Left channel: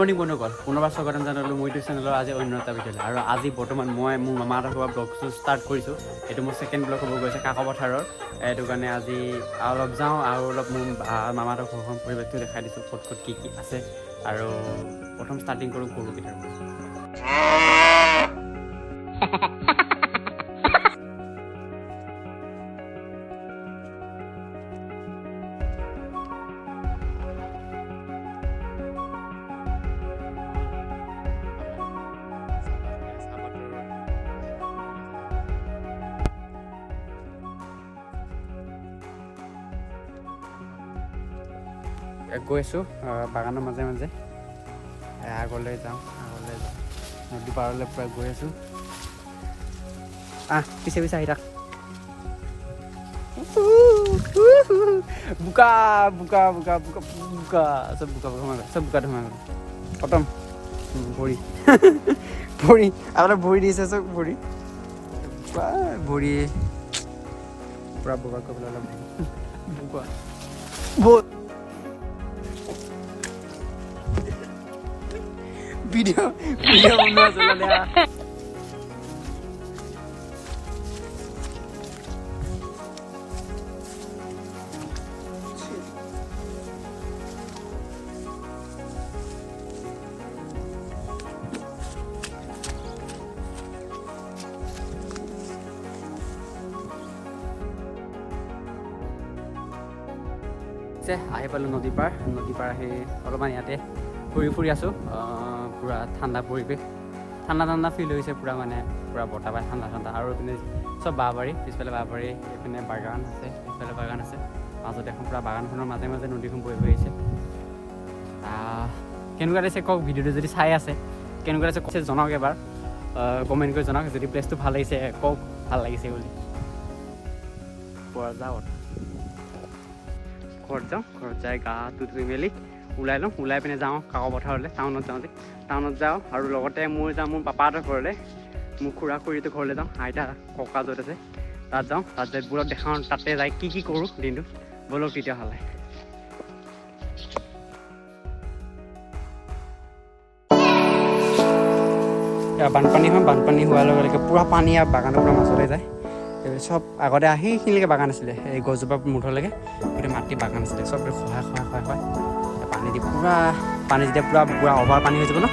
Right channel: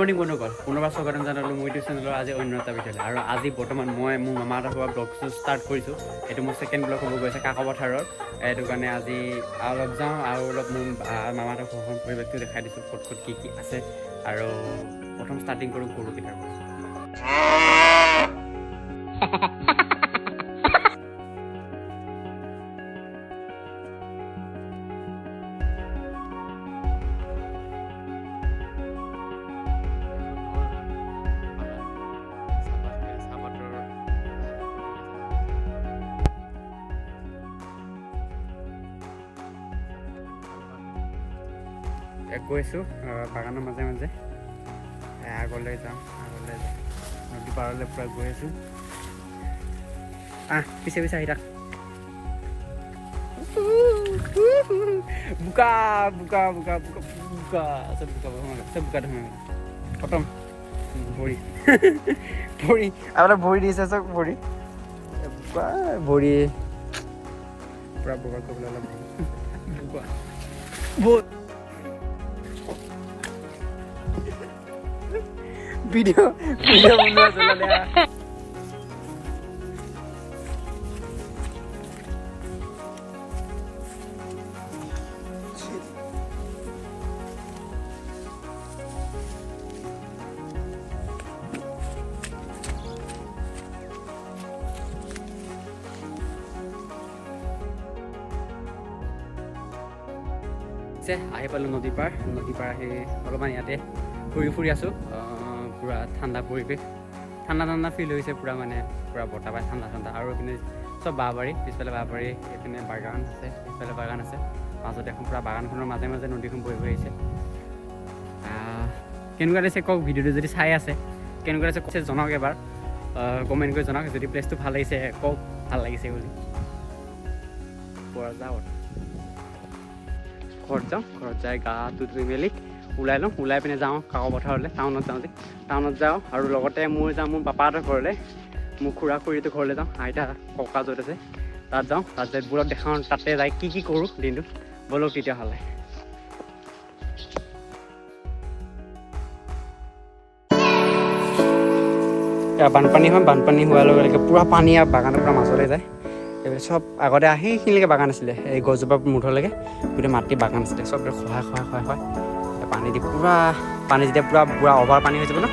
Morning বন্ধুসকল, পুনৰবাৰ স্বাগতম জনালোঁ মোৰ ইউটিউব চেনেলৰ আজি অন্য এটা ভিডিঅ'লৈ। আৰু আজি বৰ্তমান মই মোৰ মামাহঁতৰ ঘৰৰ ব্লগটো ষ্টাৰ্ট কৰিছোঁ। এইটো মোৰ ছেকেণ্ড ব্লগ হ'ব গৈছে কাকপথাৰৰ। এইটো কাৰণে আজি অলপ যাওঁ আৰু অলপ মোৰ মামাহঁতৰ ঘৰখন পৰিৱেশটো দেখাই দিছোঁ, ক'ত ক'ত কি আছে। আৰু প্ৰথম ষ্টাৰ্টিং কৰোঁ গৰুকেইটাৰ পৰা। গৈ আছোঁ বাগানৰ মাজে মাজে, আগলৈ যাওঁ নদী পাৰলৈ পূৰা গৈ আছোঁ। পিছে পিছে আহি থাক। বোকা বোকা বোকা বোকা বোকা চব বোকা চব বোকা ধোমা খতম। ভৰি ভৰি আপোনাৰ ভৰি দিছে চব ভৰি ভৰি পূৰা বোকা কৰিবলৈ অলপ বোকা ভিডিঅ' বনোৱা চলালে। আহি পালোঁ নদী পাৰ আহি অলপমান ইয়াতে ফুৰি আছোঁ। পূৰা ঠাণ্ডা পৰিৱেশ, ঠাণ্ডা ফিল হৈছে পূৰা, মানে পূৰা বতাহ পায় ঠাণ্ডা। আৰু এইপিনে চব বাঁহবাৰী, পিছফালে বাঁহবাৰী, এইপিনে বাগান আছে, পিছফালে বাগান আছে, মাজত এখন পূৰা বাগানখনৰ মাজে মাজে নদীখন বৈ আহিছে। কেনেকুৱা লাগিছে কওক, ভিডিঅ'টো যদি চাই আছে কেনেকুৱা লাগিছে জনাওক, এবাৰ কমেণ্ট কৰি জনাওক। যদি প্লেচটো ভাল লাগিছে কওক ভাল লাগিছে বুলি। পৰা যাওঁ ঘৰত যাই গাটো ধুই মেলি ওলাই লওঁ, ওলাই পিনে যাওঁ কাকপথাৰলৈ, টাউনত যাওঁ আৰু লগতে মোৰ পাপাহঁতৰ ঘৰলৈ, মোৰ খুৰা খুৰীটো ঘৰলৈ যাওঁ, আইতা ককা য'ত আছে তাত যাওঁ, তাত যাই বোৰক দেখাওঁ, তাতে যাই কি কৰোঁ দিনটো। ব'লক তেতিয়াহ'লে। বানপানী হয়, বানপানী হোৱাৰ লগে লগে পূৰা পানী আৰু বাগানৰ পৰা মাজলৈ যায়। এইবিলাক চব আগতে সেইখিনিলৈকে বাগান আছিলে, এই গছজোপা মুঠলৈকে গোটেই মাটি বাগান আছিলে। চব খহাই পানী দি পানী যেতিয়া পূৰা অভাৰ পানী হৈ যাব ন,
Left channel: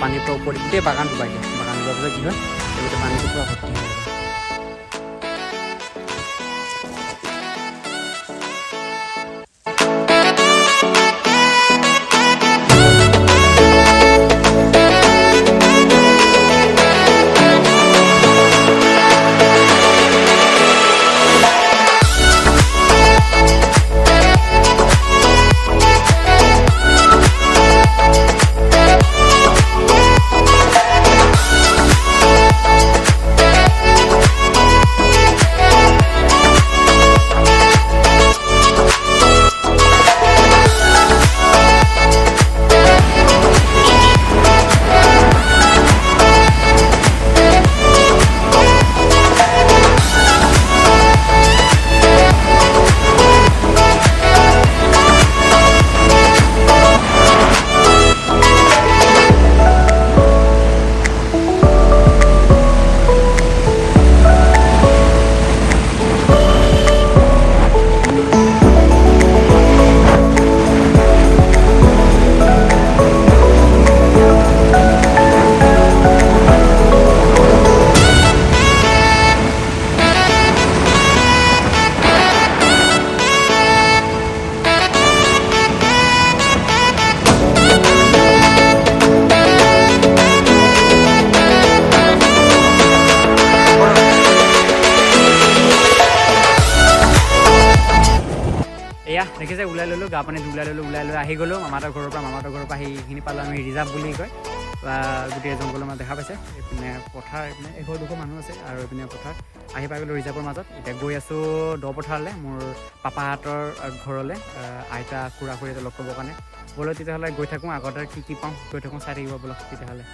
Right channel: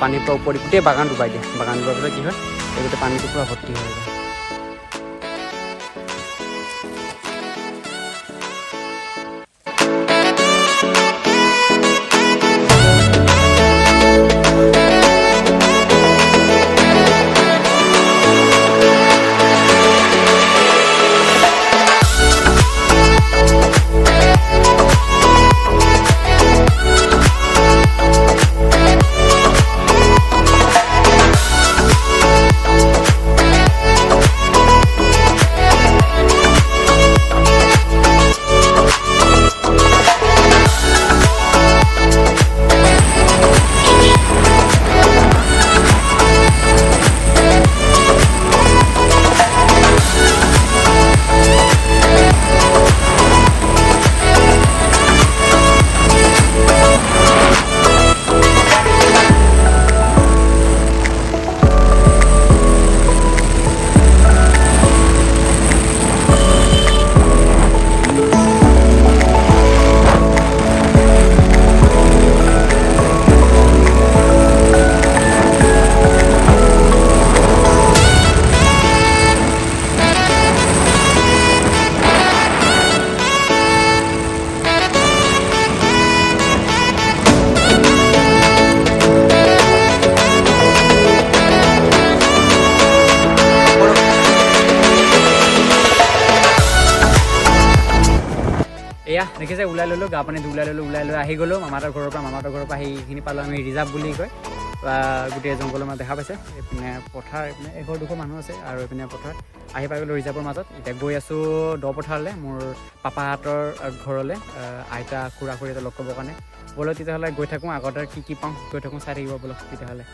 পানীৰ পৰা ওপৰত গোটেই বাগান ডুবাই দিয়ে। বাগান ডুবাৰ পিছত কি হয়, এই গোটেই পানীটো পূৰা ভৰ্তি হৈ যায়। এয়া দেখিছে, ওলাই ল'লোঁ, গা পানী ওলাই লৈ আহি গ'লোঁ মামাহঁতৰ ঘৰৰ পৰা আহি এইখিনি পালোঁ আমি ৰিজাৰ্ভ বুলি কয়। গোটেই জংঘলৰ মাজত দেখা পাইছে, এইপিনে পথাৰ, এইপিনে এঘৰ দুঘৰ মানুহ আছে আৰু এইপিনে পথাৰ। আহি পাই গ'লোঁ ৰিজাৰ্ভৰ মাজত। এতিয়া গৈ আছোঁ দ পথাৰলৈ, মোৰ পাপাহঁতৰ ঘৰলৈ, আইতা খুৰা খুৰীহঁতক লগ কৰিবৰ কাৰণে। ব'লক তেতিয়াহ'লে গৈ থাকোঁ, আগতে কি পাওঁ গৈ থাকোঁ, চাই থাকিব ব'লক তেতিয়াহ'লে।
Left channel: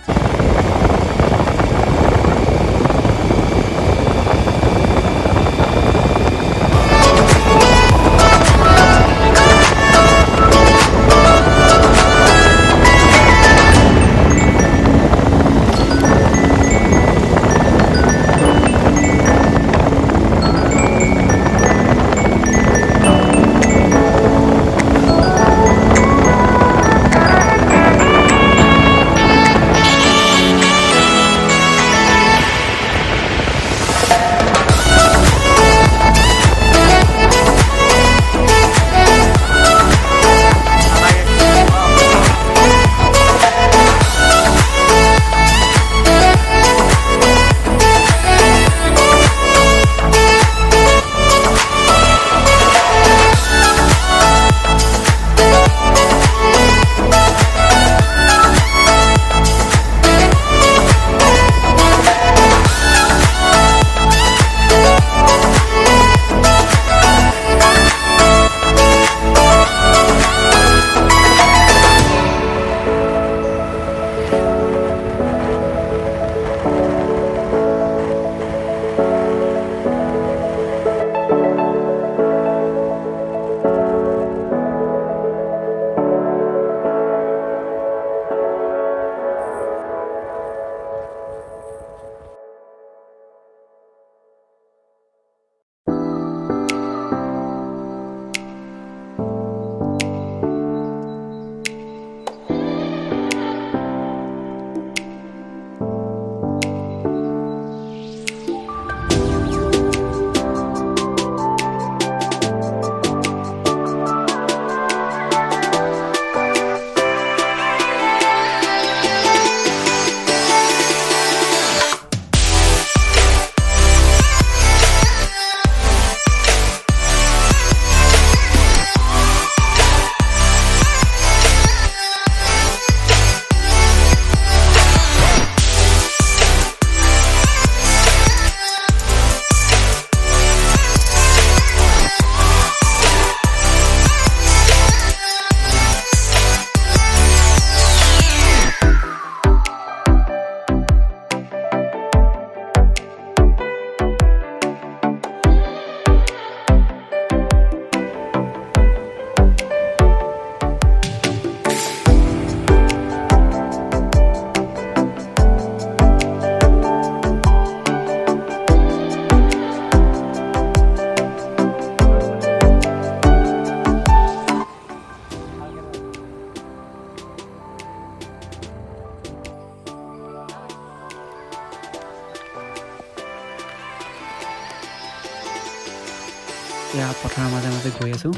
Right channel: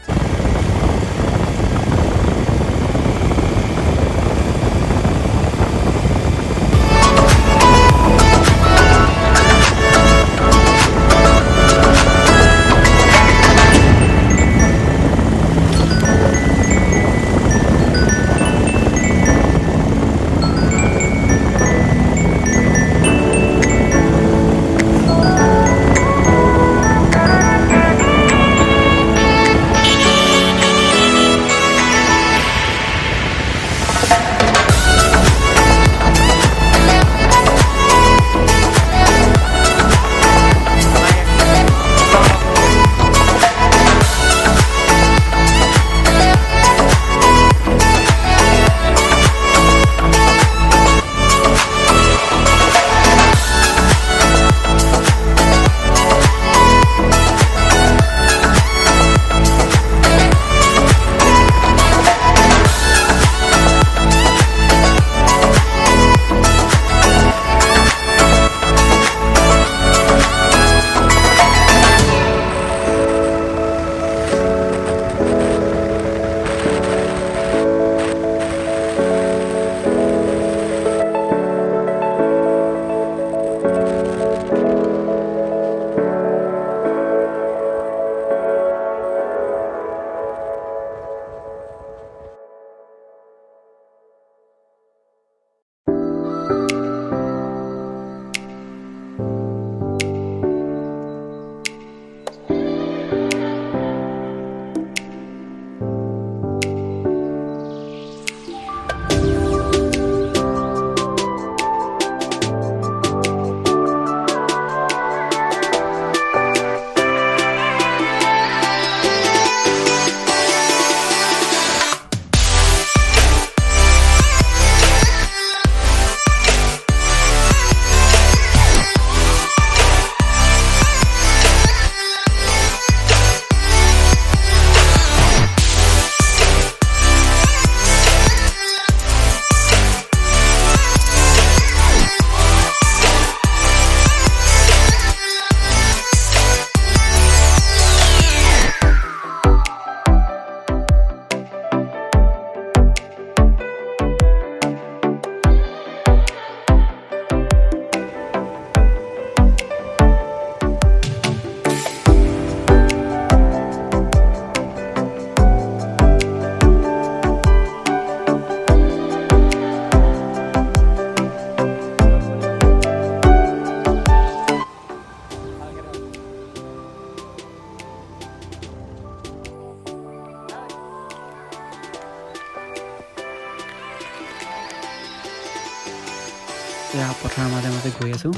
এতিয়া পথাৰৰ মাজে মাজে গৈ আছোঁ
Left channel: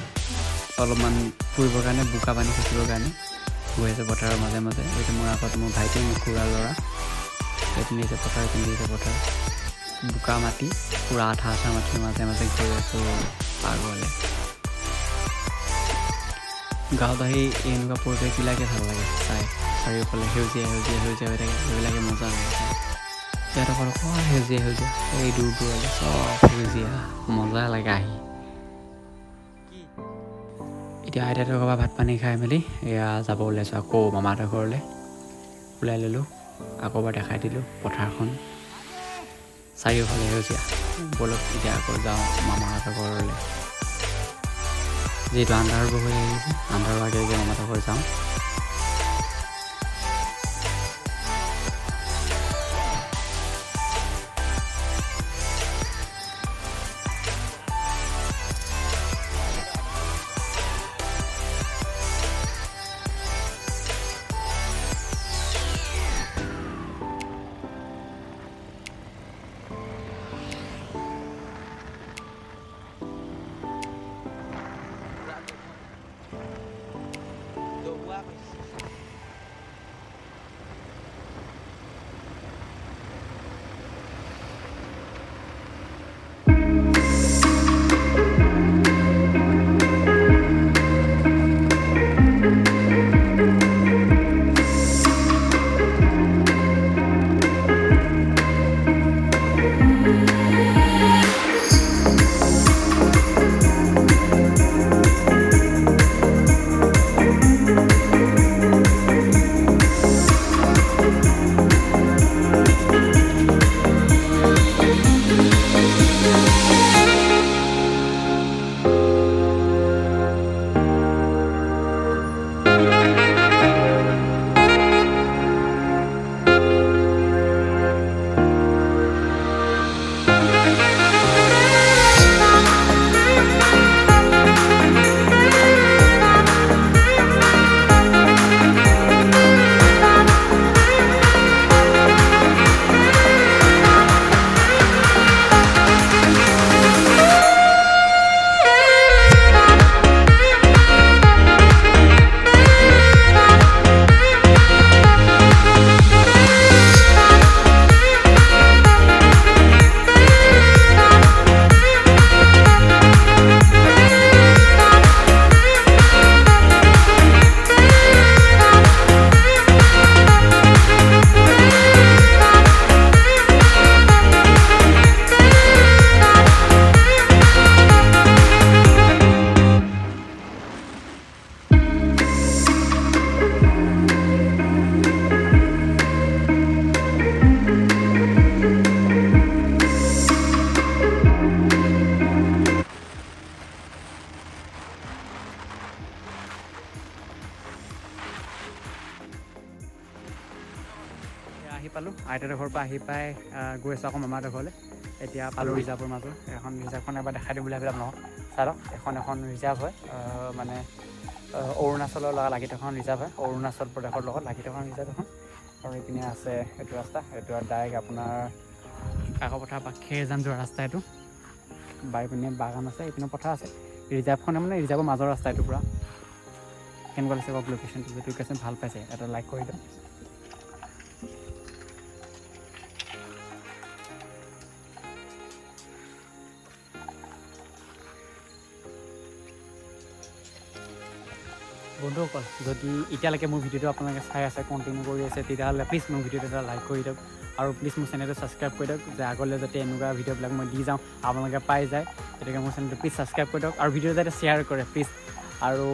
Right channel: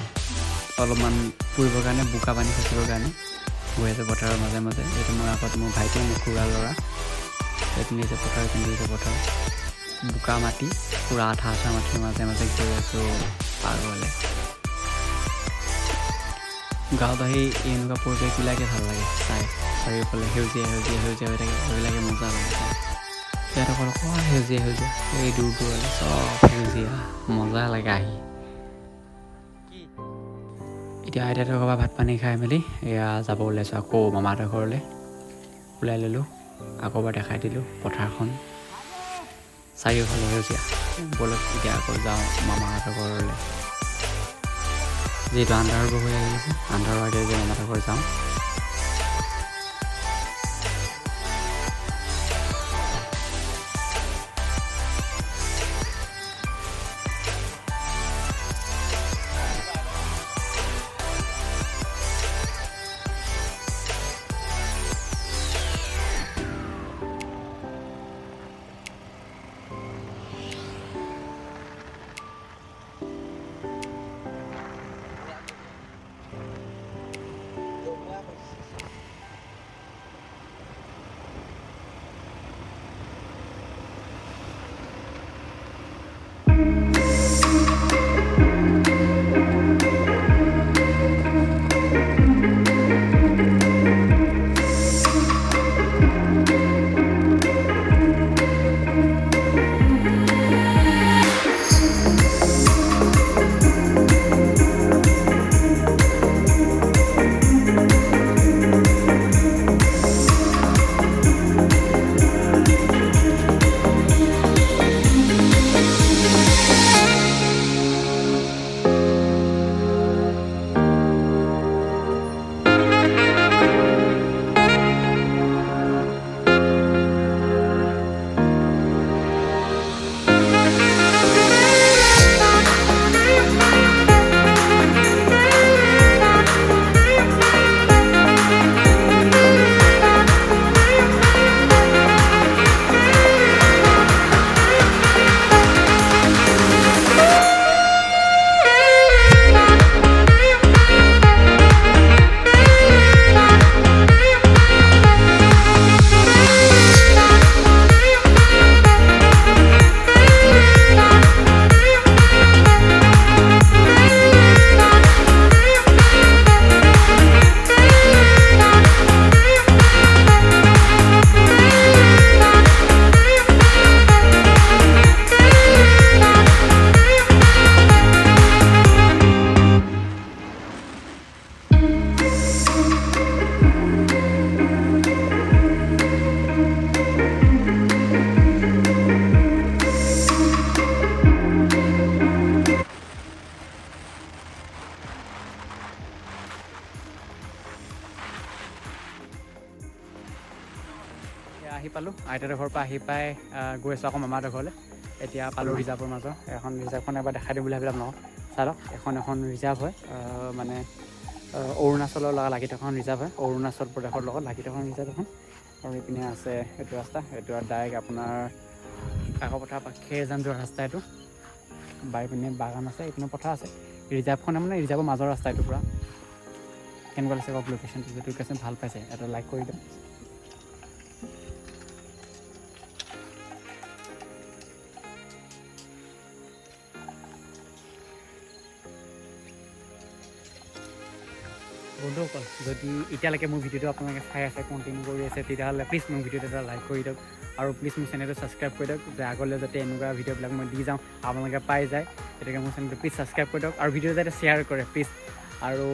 অলপমান ফুৰিবৰ কাৰণে বোকা পানী খচিবৰ কাৰণে গৈ আছোঁ পথাৰৰ মাজে মাজে। এইটো মোৰ আগত মোৰ ভাইটি মোৰ খুৰাৰ ল'ৰা এইপিনে আহিছে পথাৰ এইপিনে আহিছে পথাৰ বোকা মাটি পূৰা আঠা আঠা মাটিৰ মাজে মাজে গৈ আছোঁ পাগলে। গাঁৱত আহি এনেকুৱা পৰিৱেশবিলাকে ভাল লাগে চাই চাৰিওফালে সেউজীয়া সেউজীয়া সেউজীয়া হৈ থাকে সেইবিলাকে মজা লাগে চাই। ইয়াত অকল সেউজীয়া সেউজীয়া এই দূৰ দূৰলৈ চব সেউজীয়া মজা লাগে আহি। এতিয়া আইতাহঁতৰ ঘৰৰ পৰা ভাত পানী খাই মেলি এয়া যাব ওলাইছোঁ আকৌ মামাহঁতৰ ঘৰলৈ ওলাই ল'লোঁ। আকৌ এবাৰ দেখাই দিলোঁ পথাৰখন চাৰিওফালে সেউজীয়া। ব'লক এতিয়া আকৌ যাওঁ মামাহঁতৰ ঘৰলৈ। যিহেতু আন্ধাৰ হৈ আহিছে আন্ধাৰৰ আগে আগে মামাহঁতৰ ঘৰ যাওঁ। আইতাহঁতৰ ঘৰৰ পৰা আহি পাই গৈ আছোঁ আকৌ মামাহঁতৰ ঘৰলৈ এতিয়া পালোঁ ৰিজাৰ্ভৰ মাজত এখন ৰিজাৰ্ভখন এবাৰ দেখাই দিম বুলি ভাবিলোঁ আপোনালোকক চাই লওক এখন ৰিজাৰ্ভ হয় মানে অৰুণাচলৰ লগত লাগি থকা ৰিজাৰ্ভ হয় অৰুণাচল প্ৰদেশৰ লগত লাগি থকা ৰিজাৰ্ভ এখন আৰু এইপিনে আছে এইটো ৰাস্তা এইটো ডাইৰেক্ট আপোনাৰ কাকপথাৰ বা খেৰজান যোৱা ৰাস্তা এইটো বাৰীপিনে বাগান আছে এইপিনে পথাৰ আছে ৰিজাৰ্ভখনে মানে ৰিজাৰ্ভৰ মাজৰ ৰাস্তা এইটো পূৰা কেনেকুৱা লাগিছে কওক লোকেশ্যনটো যদি লোকেশ্যন ভাল পাইছে এইটো লাইক কৰি দিওঁ বন্ধুসকল যদি এতিয়ালৈকে মোৰ ভিডিঅ'টো আপোনালোকে চাই আছে কণ্টিনিউ কৰি আছে তেতিয়াহ'লে প্লিজ মোৰ ভিডিঅ'টো এটা লাইক কৰি দিয়ক আৰু প্লিজ মোৰ চেনেলটো ছাবস্ক্ৰাইব কৰি দিয়ক যে আগলৈ যাতে এনেকুৱা ভিডিঅ'বিলাক মই দি যাওঁ আপোনালোকে পাই যায় গতিকে মোৰ চেনেলটো প্লিজ ছাবস্ক্ৰাইব কৰি দিয়ক আৰু ভিডিঅ' যাতে শ্বেয়াৰ কৰে প্লিজ আৰু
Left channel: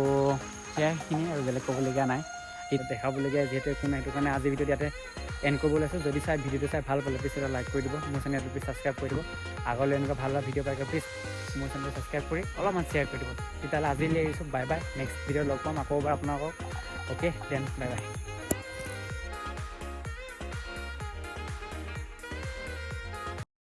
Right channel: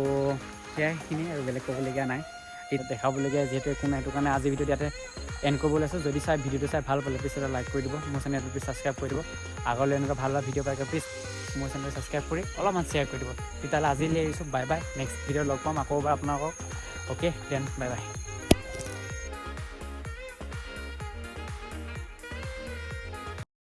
সেয়াখিনি আৰু বেলেগ ক'বলগীয়া নাই এইটো দেখাবলগীয়া যিহেতু একো নাই সেইটো কাৰণে আজি ভিডিঅ'টো ইয়াতে এণ্ড কৰিব লৈছোঁ যদি চাই ভিডিঅ'টো চাই ভাল পালে প্লিজ এটা লাইক কৰি দিব মোৰ চেনেলটো প্লিজ ছাবস্ক্ৰাইব কৰি দিব আগলৈ এনেকুৱা ভাল ভাল ভিডিঅ' পাই প্লিজ মোৰ চেনেলটো ছাবস্ক্ৰাইব কৰি অলপমান শ্বেয়াৰ কৰি দিব তেতিয়াহ'লে আজিলৈ এৰিছোঁ বাই বাই নেক্সট ভিডিঅ' লগ পাম আকৌ এবাৰ আপোনালোকক অ'কে দেন বাই বাই